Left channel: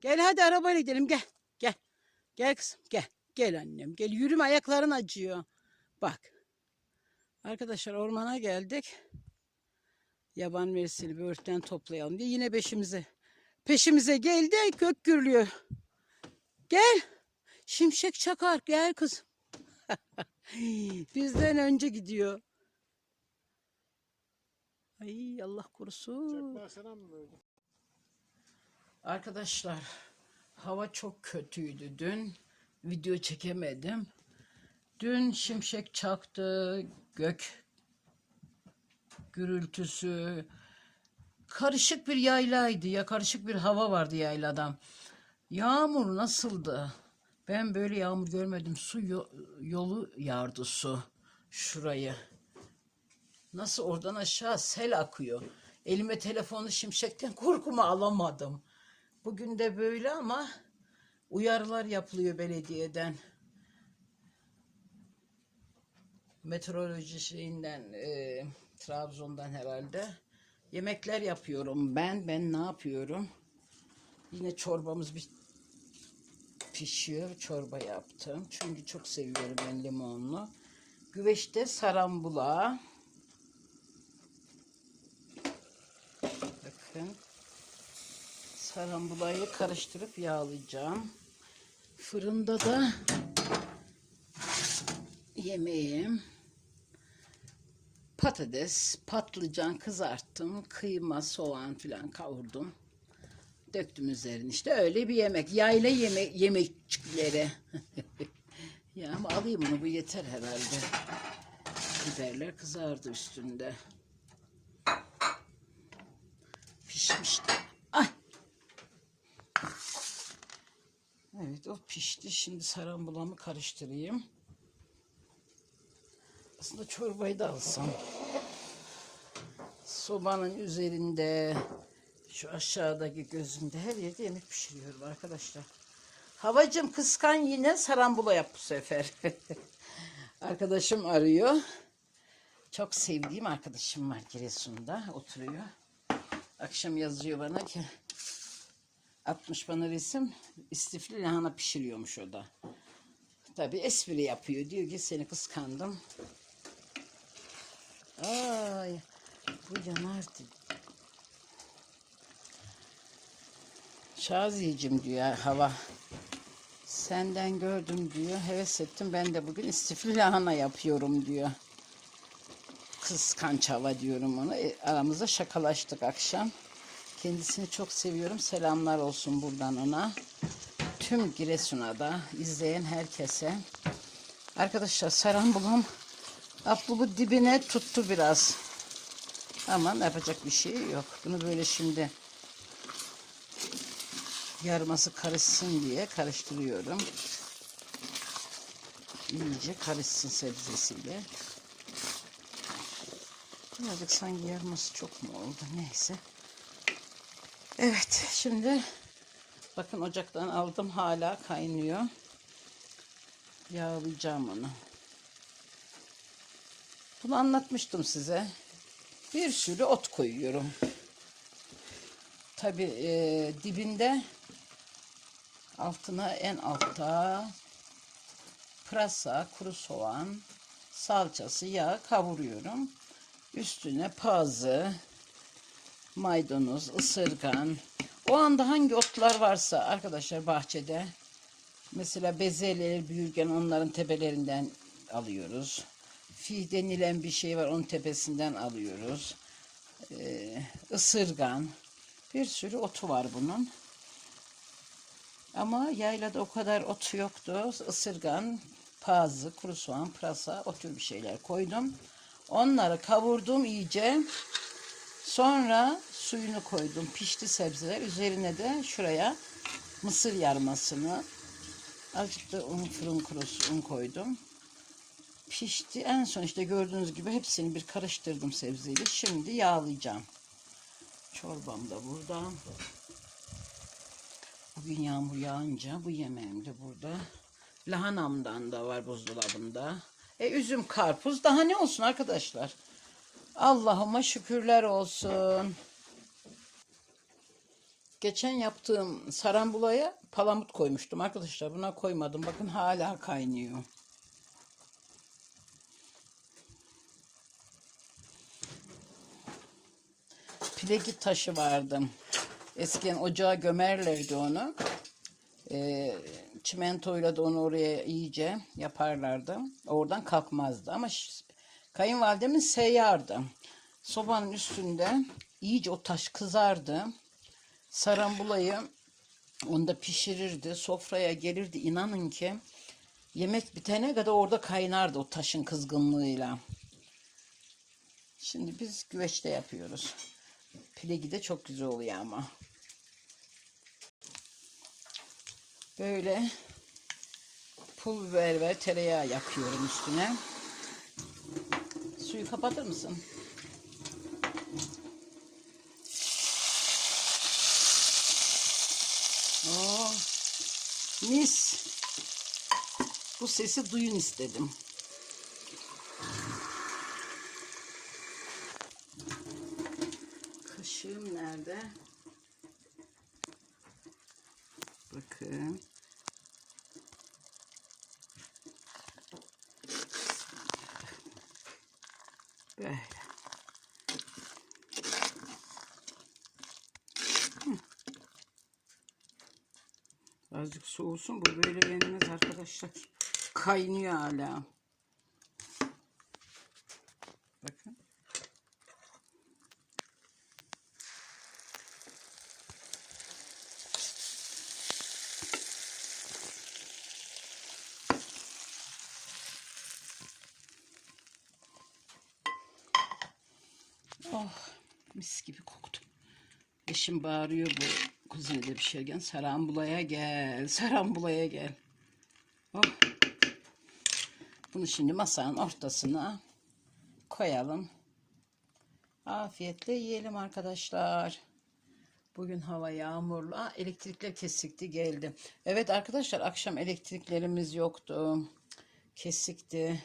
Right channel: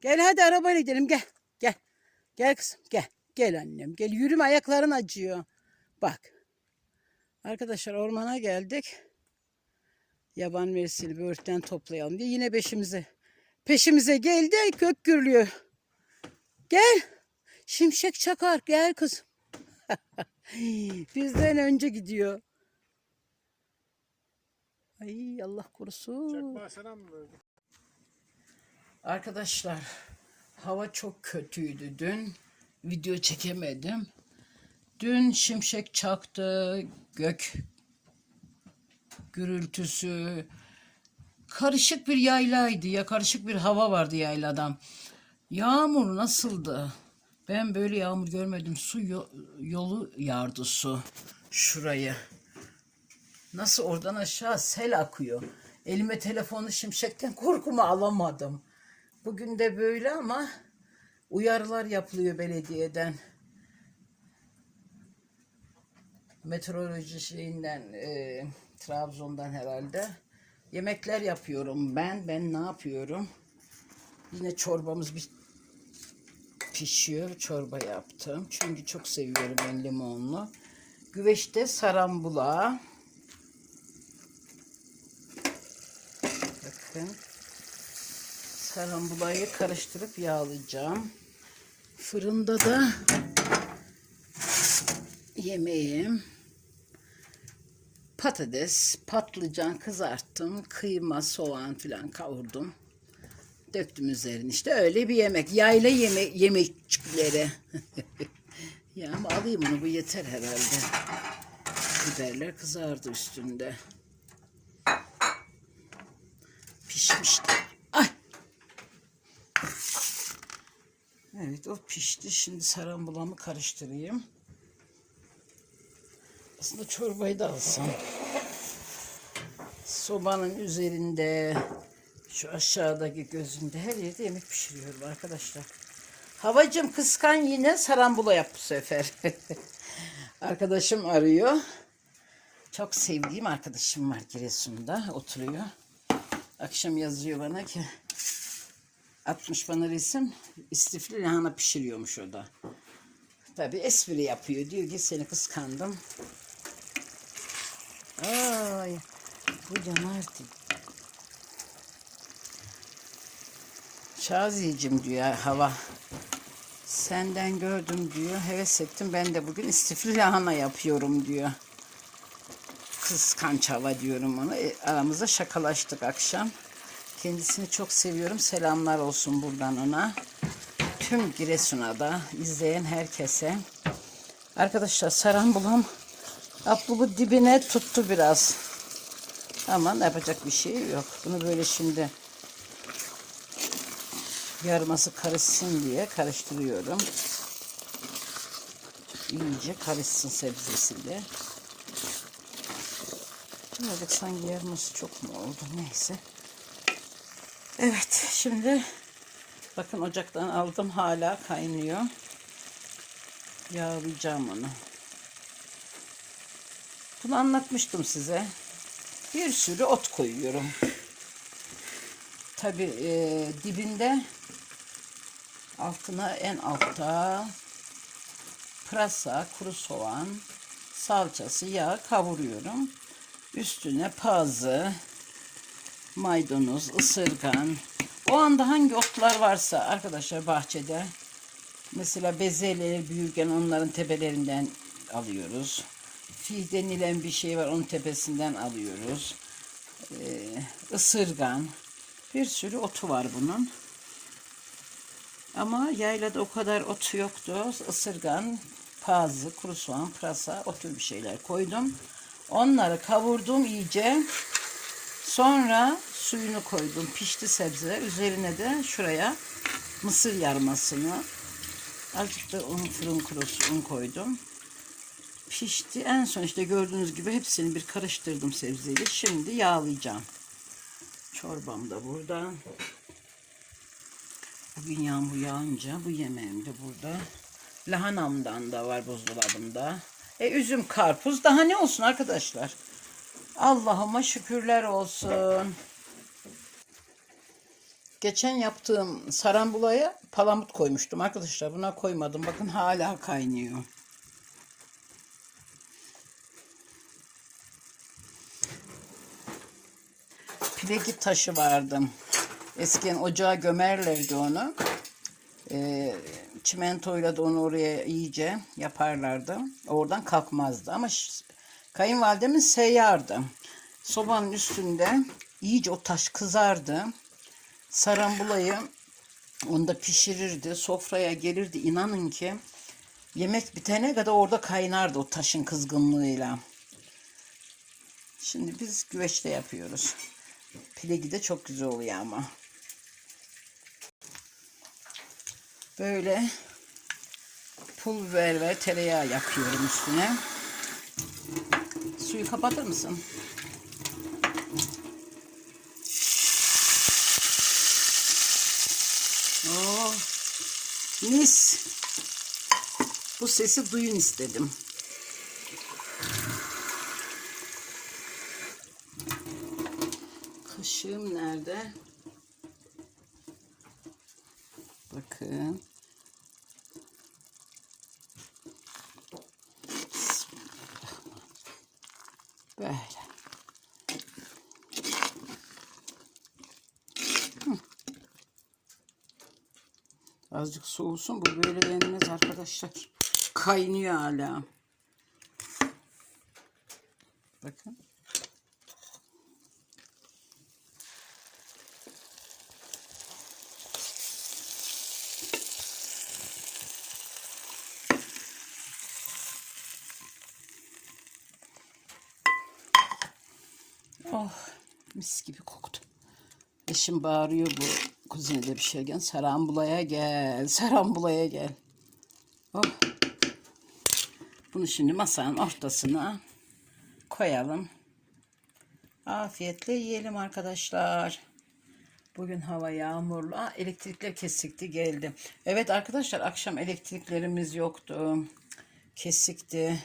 Gel hadi arabayla gidelim gel. Gel. Gel kızım gel. Gel annem gel. Yürüme ayakların acıyor. Bak. Arkadaşlar ormana geldik. Yaban mersini böğürtlen toplayalım diye yine peşimize. Peşimize geldi kök gürlüyor. Gel. Şimşek çakar gel kızım. Bizden önce gidiyor. Ay Allah korusun. Çakma mı böyle? Arkadaşlar hava çok kötüydü dün. Video çekemedim. Dün şimşek çaktı, gök gürültüsü. Karışık bir yaylaydı ya, karışık bir hava vardı yayladan. Yağmur nasıldı? Ben böyle yağmur görmedim. Su yo- yolu yardı su şurayı. Nasıl oradan aşağı sel akıyor. Elime telefonu şimşekten korkumu alamadım. Bugün de böyle ama uyarılar yapılıyor belediyeden. Meteoroloji şeyinden, e, Trabzon'dan herhalde. Yemekler yapıyorum ben. Ben ne yapıyorum? Yine çorbamız bir pişiyor. Çorba yaptım. Çünkü çok seviyorum ben limonlu. Güveçte sarambula. Bakın. Karambulayı karıştırıp yağlayacağım. Fırında da yemeğim patates, patlıcan kızarttım, kıyma, soğan filan kavurdum. Döktüm üzerine işte öyle bir yemek. Yayla yeme yemekçikleri. ya ama alayım onu bu yeter herhalde. Biberler kızardı üstünde. Pişmişti. Ay O pişti. Şimdi sarambulamı karıştırayım. Aslında çorbayı da alsam. Sobanın üzerinde şu aşağıdaki gözünde her yerde yemek pişiriyorum arkadaşlar. Havacım kıskan yine sarambula yap bu sefer. Arkadaşım arıyor. Çok sevdiğim arkadaşım var Giresun'da oturuyor. Akşam yazıyor bana ki atmış bana resim istifli lahana pişiriyormuş o da. Tabi espri yapıyor. Diyor ki seni kıskandım. Ay bu yanardı. Şaziyeciğim diyor hava. Senden gördüm diyor. Heves ettim. Ben de bugün istifli lahana yapıyorum diyor. Kıskanç hava diyorum ona. E, aramızda şakalaştık akşam. Kendisini çok seviyorum. Selamlar olsun buradan ona. Tüm Giresun'a da izleyen herkese. Arkadaşlar sarambulam ablubu dibine tuttu biraz. Ama yapacak bir şey yok. Bunu böyle şimdi yarması karışsın diye karıştırıyorum. İyice karışsın sebzesiyle. Birazcık sanki yarması çok mu oldu neyse. Evet şimdi bakın ocaktan aldım hala kaynıyor. Yağlayacağım onu. Bunu anlatmıştım size. Bir sürü ot koyuyorum. Tabi e, dibinde altına en altta pırasa, kuru soğan, salçası, yağ kavuruyorum. Üstüne pazı, maydanoz, ısırgan. O anda hangi otlar varsa arkadaşlar bahçede mesela bezelye, büyürgen onların tepelerinden alıyoruz. Fil denilen bir şey var onun tepesinden alıyoruz. Ee, ısırgan. Bir sürü otu var bunun. Ama yaylada o kadar otu yoktu. Isırgan, pazı, kuru soğan, pırasa o tür bir şeyler koydum. Onları kavurdum iyice. Sonra suyunu koydum. Pişti sebze. Üzerine de şuraya mısır yarmasını azıcık da un fırın kurusu un koydum. Pişti. En son işte gördüğünüz gibi hepsini bir karıştırdım sebzeyle. Şimdi yağlayacağım. Çorbam da burada. Bugün yağmur yağınca bu yemeğim de burada. Lahanamdan da var buzdolabında. E üzüm, karpuz daha ne olsun arkadaşlar. Allah'ıma şükürler olsun. Geçen yaptığım sarambulaya palamut koymuştum arkadaşlar. Buna koymadım. Bakın hala kaynıyor. Pilegi taşı vardı. Eskiden ocağa gömerlerdi onu. Ee, çimentoyla da onu oraya iyice yaparlardı. Oradan kalkmazdı. Ama kayınvalidemin seyyardı. Sobanın üstünde iyice o taş kızardı. Sarambulayı onda pişirirdi. Sofraya gelirdi. İnanın ki yemek bitene kadar orada kaynardı o taşın kızgınlığıyla. Şimdi biz güveçte yapıyoruz. Pilegi de çok güzel oluyor ama. Böyle pul biber ve tereyağı yapıyorum üstüne. Suyu kapatır mısın? Oo, mis. Bu sesi duyun istedim. Kaşığım nerede? Bakın. Böyle. Hı. Azıcık soğusun. Bu böyle yenmez arkadaşlar. Kaynıyor hala. Bakın. Oh mis gibi koktu. Eşim bağırıyor bu kuzinede bir şey gel. Sarambulaya gel. Sarambulaya gel. Oh. Bunu şimdi masanın ortasına koyalım. Afiyetle yiyelim arkadaşlar. Bugün hava yağmurlu. Aa, elektrikler kesikti geldi. Evet arkadaşlar akşam elektriklerimiz yoktu. Kesikti.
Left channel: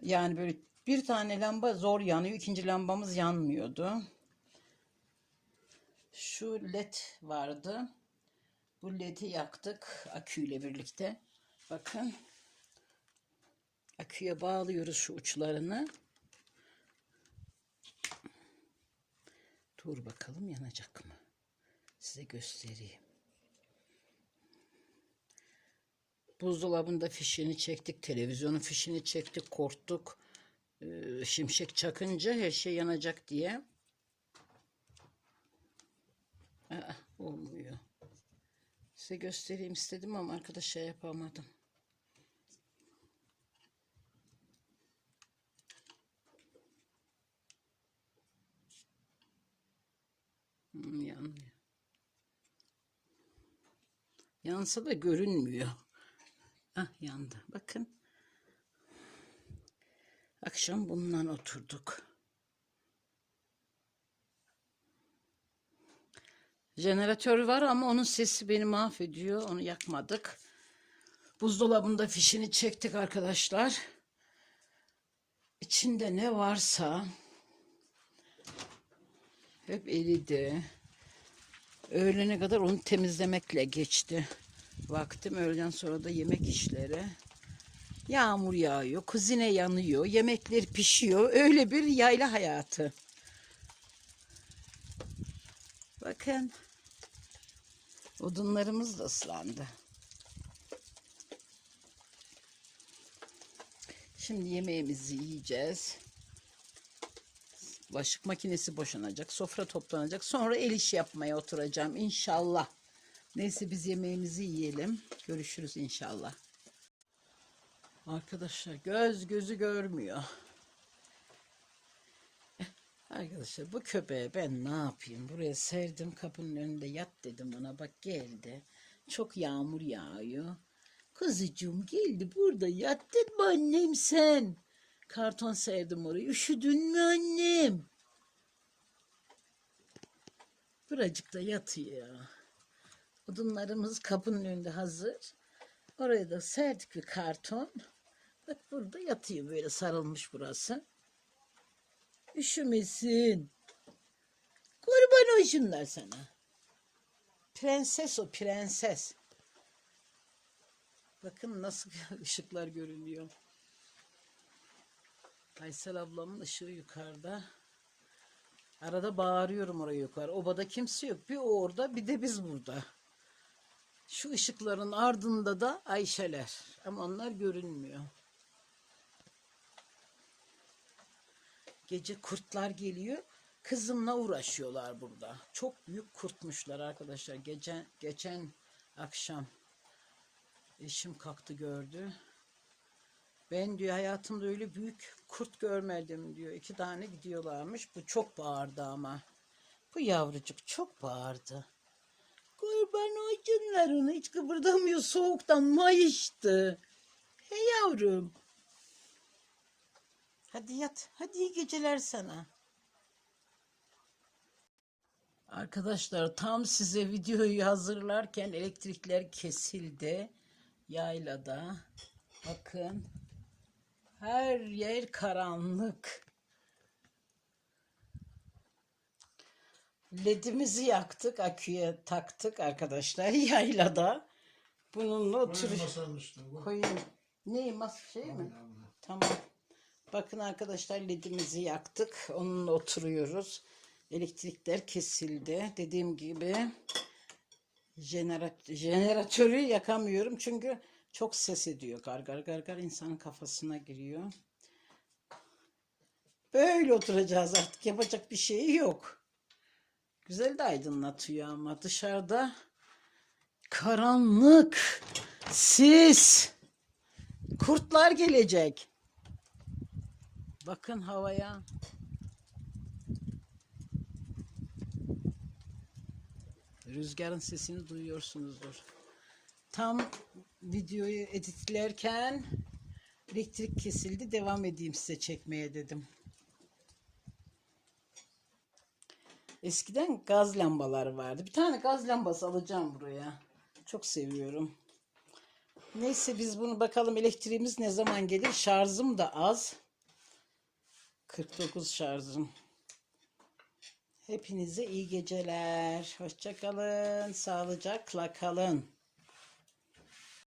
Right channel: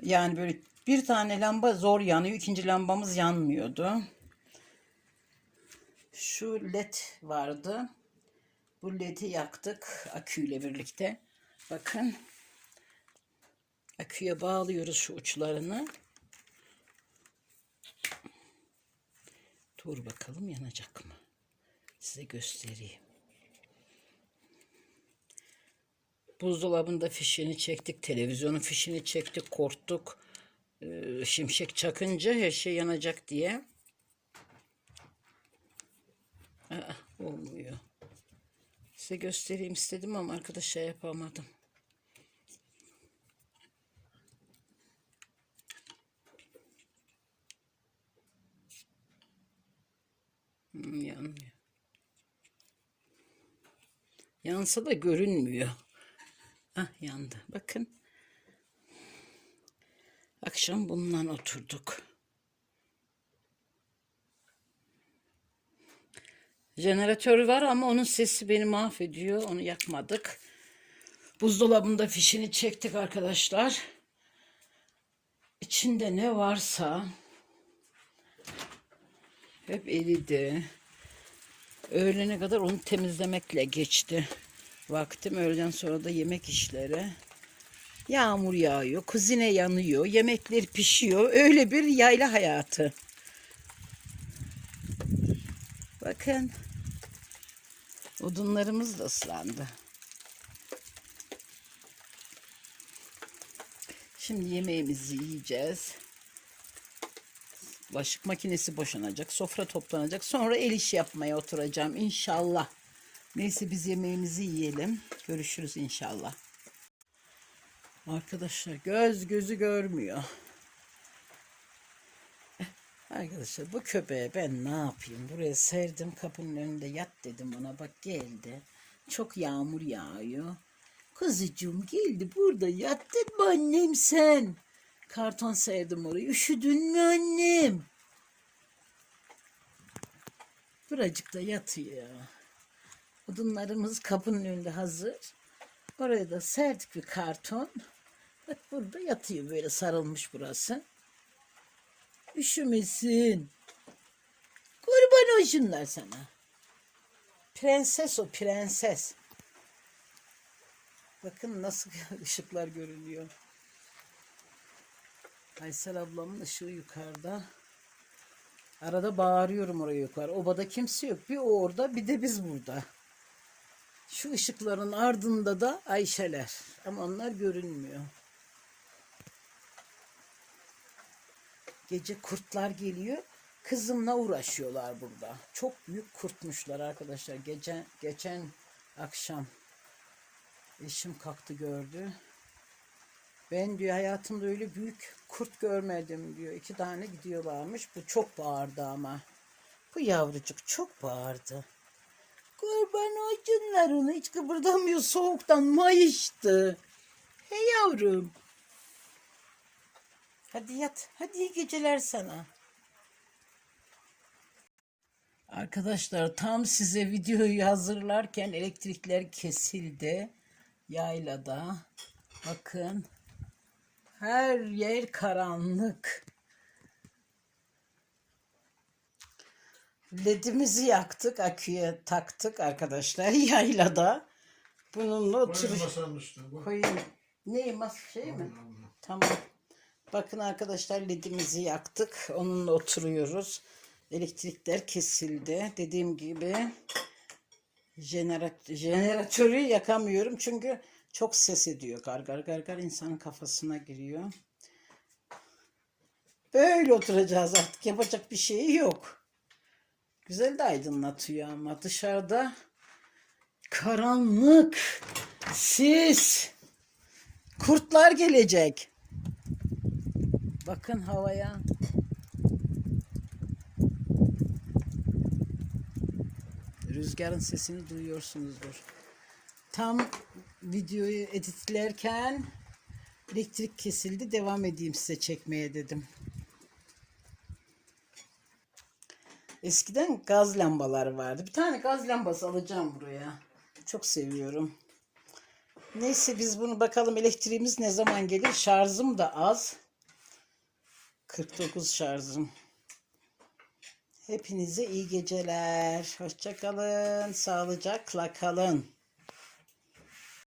Yani böyle bir tane lamba zor yanıyor. ikinci lambamız yanmıyordu. Şu led vardı. Bu ledi yaktık aküyle birlikte. Bakın. Aküye bağlıyoruz şu uçlarını. Dur bakalım yanacak mı? Size göstereyim. Buzdolabında fişini çektik, televizyonun fişini çektik, korktuk. Ee, şimşek çakınca her şey yanacak diye. Aa, olmuyor. Size göstereyim istedim ama arkadaşa yapamadım. Hmm, yanmıyor. Yansa da görünmüyor. Ah yandı. Bakın. Akşam bundan oturduk. Jeneratör var ama onun sesi beni mahvediyor. Onu yakmadık. Buzdolabında fişini çektik arkadaşlar. İçinde ne varsa hep eridi. Öğlene kadar onu temizlemekle geçti. Vaktim öğleden sonra da yemek işleri. Yağmur yağıyor, kuzine yanıyor, yemekler pişiyor. Öyle bir yayla hayatı. Bakın. Odunlarımız da ıslandı. Şimdi yemeğimizi yiyeceğiz. Bulaşık makinesi boşanacak, sofra toplanacak. Sonra el iş yapmaya oturacağım inşallah. Neyse biz yemeğimizi yiyelim. Görüşürüz inşallah. Arkadaşlar göz gözü görmüyor. Arkadaşlar bu köpeğe ben ne yapayım? Buraya serdim kapının önünde yat dedim buna. Bak geldi. Çok yağmur yağıyor. Kızıcığım geldi burada yattın mı annem sen? Karton serdim oraya. Üşüdün mü annem? Buracık da yatıyor. Odunlarımız kapının önünde hazır. Oraya da serdik bir karton. Bak burada yatıyor böyle sarılmış burası. Üşümesin. Kurban olsunlar sana. Prenses o prenses. Bakın nasıl ışıklar görünüyor. Aysel ablamın ışığı yukarıda. Arada bağırıyorum oraya yukarı. Obada kimse yok. Bir o orada bir de biz burada. Şu ışıkların ardında da Ayşeler. Ama onlar görünmüyor. Gece kurtlar geliyor. Kızımla uğraşıyorlar burada. Çok büyük kurtmuşlar arkadaşlar. Geçen, geçen akşam eşim kalktı gördü. Ben diyor hayatımda öyle büyük kurt görmedim diyor. İki tane gidiyorlarmış. Bu çok bağırdı ama. Bu yavrucuk çok bağırdı. Kurban olsunlar onu hiç kıpırdamıyor soğuktan mayıştı. Hey yavrum. Hadi yat. Hadi iyi geceler sana. Arkadaşlar tam size videoyu hazırlarken elektrikler kesildi. Yaylada. Bakın. Her yer karanlık. Ledimizi yaktık, aküye taktık arkadaşlar yaylada. Bununla otur. Koyun masanın üstüne. Koyun. Ne mas şey mi? Tamam. Bakın arkadaşlar ledimizi yaktık. Onunla oturuyoruz. Elektrikler kesildi. Dediğim gibi jenerat jeneratörü yakamıyorum çünkü çok ses ediyor. Gar gar gar gar insanın kafasına giriyor. Böyle oturacağız artık. Yapacak bir şey yok. Güzel de aydınlatıyor ama dışarıda karanlık, sis, kurtlar gelecek. Bakın havaya. Rüzgarın sesini duyuyorsunuzdur. Tam videoyu editlerken elektrik kesildi. Devam edeyim size çekmeye dedim. Eskiden gaz lambaları vardı. Bir tane gaz lambası alacağım buraya. Çok seviyorum. Neyse biz bunu bakalım elektriğimiz ne zaman gelir. Şarjım da az. 49 şarjım. Hepinize iyi geceler. Hoşça kalın. Sağlıcakla kalın.